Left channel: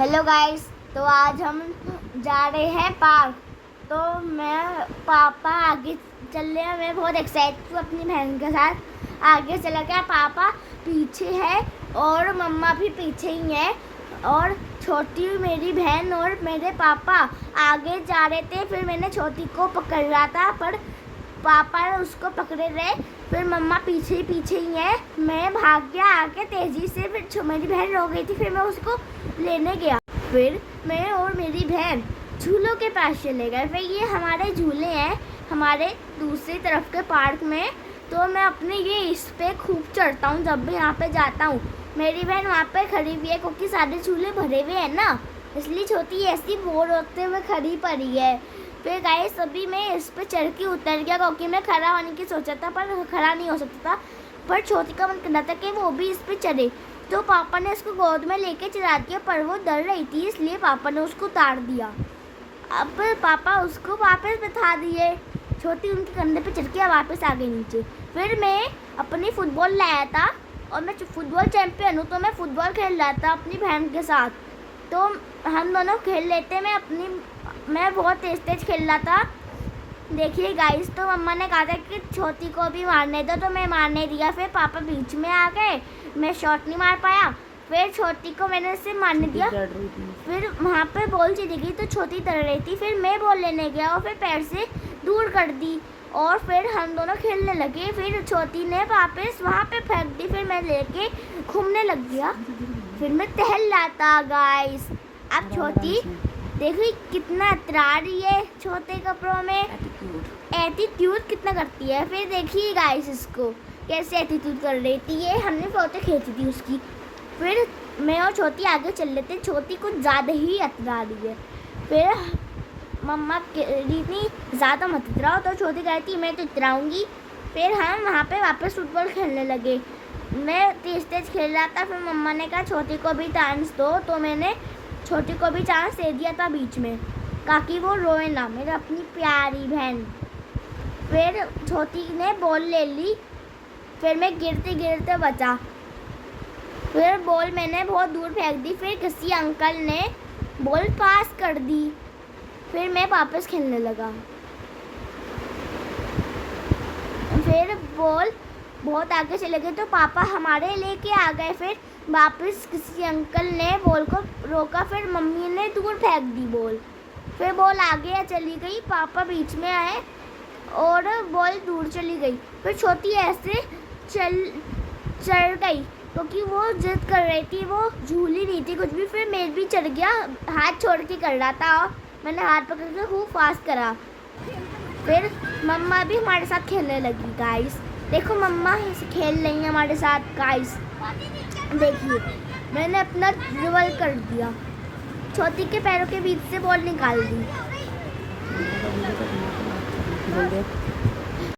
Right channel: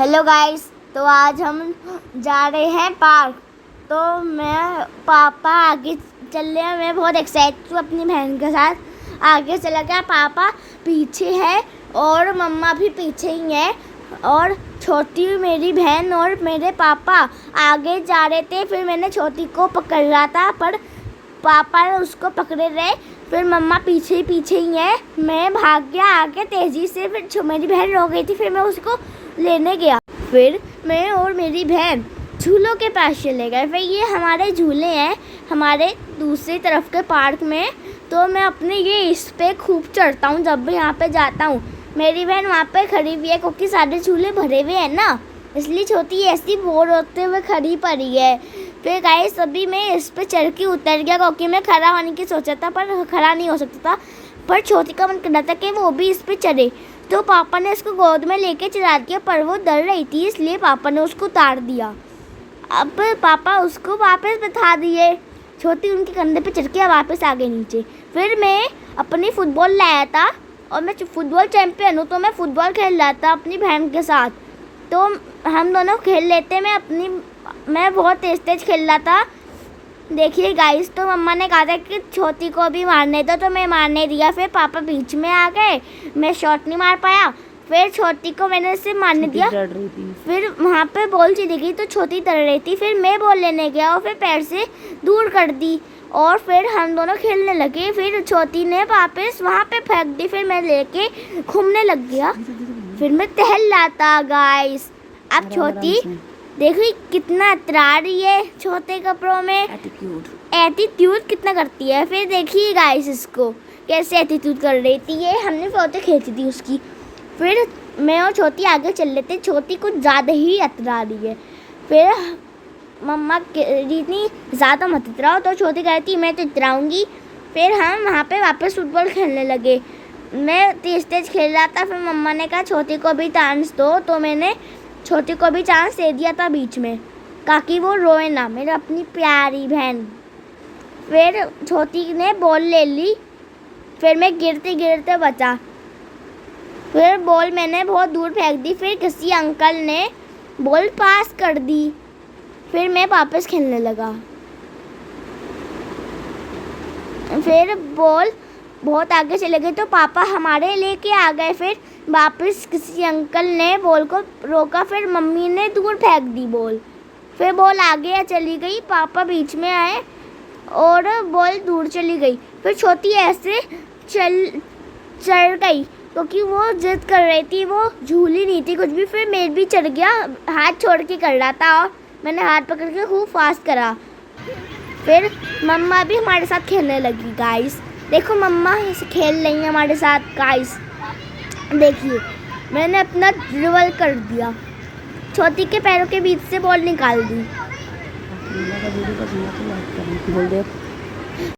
Hello guys. तो आज हम जा रहे हैं पार्क। तो मैं पापा आगे चल रहे हैं। मैं बहुत एक्साइटेड हूँ अपनी बहन के साथ। आगे चला गया, पापा पीछे है और मम्मा भी पीछे ही है और छोटी मेरी बहन और मेरे पापा आगे जा रहे थे। फिर मैंने छोटी को पकड़ रहा था पर पापा उसको पकड़े रहे। फिर मम्मा पीछे ही है। मैं भाग गया आगे तेज़ी से। फिर मेरी बहन रो गई थी। फिर मैं उसको लेने गया। फिर मैं और मेरी बहन झूलों के पास चले गए। फिर ये हमारे झूले हैं हमारे दूसरी तरफ के पार्क में। तो मैं अपने इस पे खूब चढ़ता हूँ जब भी यहाँ पे जाता हूँ। मेरी बहन वहाँ पे खड़ी हुई है क्योंकि सारे झूले भरे हुए हैं ना, इसलिए छोटी ऐसी बोर होते हुए खड़ी पड़ी है। फिर गाइस अभी मैं इस पे चढ़ के उतर गया क्योंकि मैं खड़ा होने की सोचा था पर खड़ा नहीं हो सकता था। पर छोटी का मन कर रहा था कि वो भी इस पे चढ़े। तो पापा ने उसको गोद में लेके चला दिया पर वो डर रही थी इसलिए पापा ने उसको उतार दिया। अब पापा उसको वापस बैठा दिए। छोटी उनके कंधे पे चढ़ के वापस आ गई नीचे। फिर मैं अपनी फुटबॉल लाया था और मैं फुटबॉल चैंपियन हूँ। तो मैं फुटबॉल खेल रहा था अपनी बहन के साथ। तो हम दोनों खेल लेते। मैं बहुत तेज खेल रहा था। देखिए गाइस, तो मम्मा ने कहा था कि छोटी को भी मारने दो तो मैं मारने दिया। फिर पापा बीच में आ गए, मैं शॉट नहीं मार पाया। फिर छोटी को मैंने उससे मारने दिया। फिर वहाँ पे बॉल चली गई तो छोटी डर रही थी। फिर मैं बॉल लेने गया और फिर पैर से दूर कर दी और फिर हम दोनों खेलने लगे। फिर छोटी ने वापस वहाँ पे फेंक दी। फिर मैं लेके घूमने लग गया। फिर मैं टहल रहा था गाइस। अब छोटी देखिए कितना इतरा रही है छोटे कपड़ों में। एटीट्यूड कितना करती है। फिर देखिए गाइस इसको कैसे एटीट्यूड कर रही थी। ये हमने फोटो खींची थी उसकी। फिर मैं और छोटी आगे चल रहे थे। छोटी कुछ ज़्यादा ही इतरा रही है। फिर मम्मा इतनी ज़्यादा मत इतराओ तो छोटी कहती मैं तो इतराऊँगी। फिर हम वहाँ पे वापस फुटबॉल खेलने लगे। मैं तेज खेल रहा था। फिर मम्मा ने कहा छोटी को भी चांस दो। तो मैंने छोटी को भी चांस दे दिया था बीच में ताकि वो रोए ना, मेरी अपनी प्यारी बहन। फिर छोटी ने बॉल ले ली। फिर मैं गिरते बचा। फिर बॉल मैंने बहुत दूर फेंक दी। फिर किसी अंकल ने बॉल पास कर दी। फिर मैं वापस खेलने लगा। फिर बॉल बहुत आगे चले गए तो पापा हमारे लेके आ गए। फिर वापस किसी अंकल ने बॉल को रोका। फिर मम्मी ने दूर फेंक दी बॉल। फिर बॉल आगे चली गई, पापा बीच में आए और बॉल दूर चली गई। फिर छोटी ऐसे चढ़ गई क्योंकि वो जिद कर रही थी, वो झूली नहीं थी कुछ भी। फिर मैं भी चढ़ गया, हाथ छोड़ के कर रहा था और मैंने हाथ पकड़ के खूब फास्ट करा। फिर मम्मा भी हमारे साथ खेलने लगी गाइस। देखो मम्मा खेल रही है हमारे साथ गाइस। देखिए मैंने अपना ड्रिबल कर दिया, छोटी के पैरों के बीच से बॉल निकाल दी।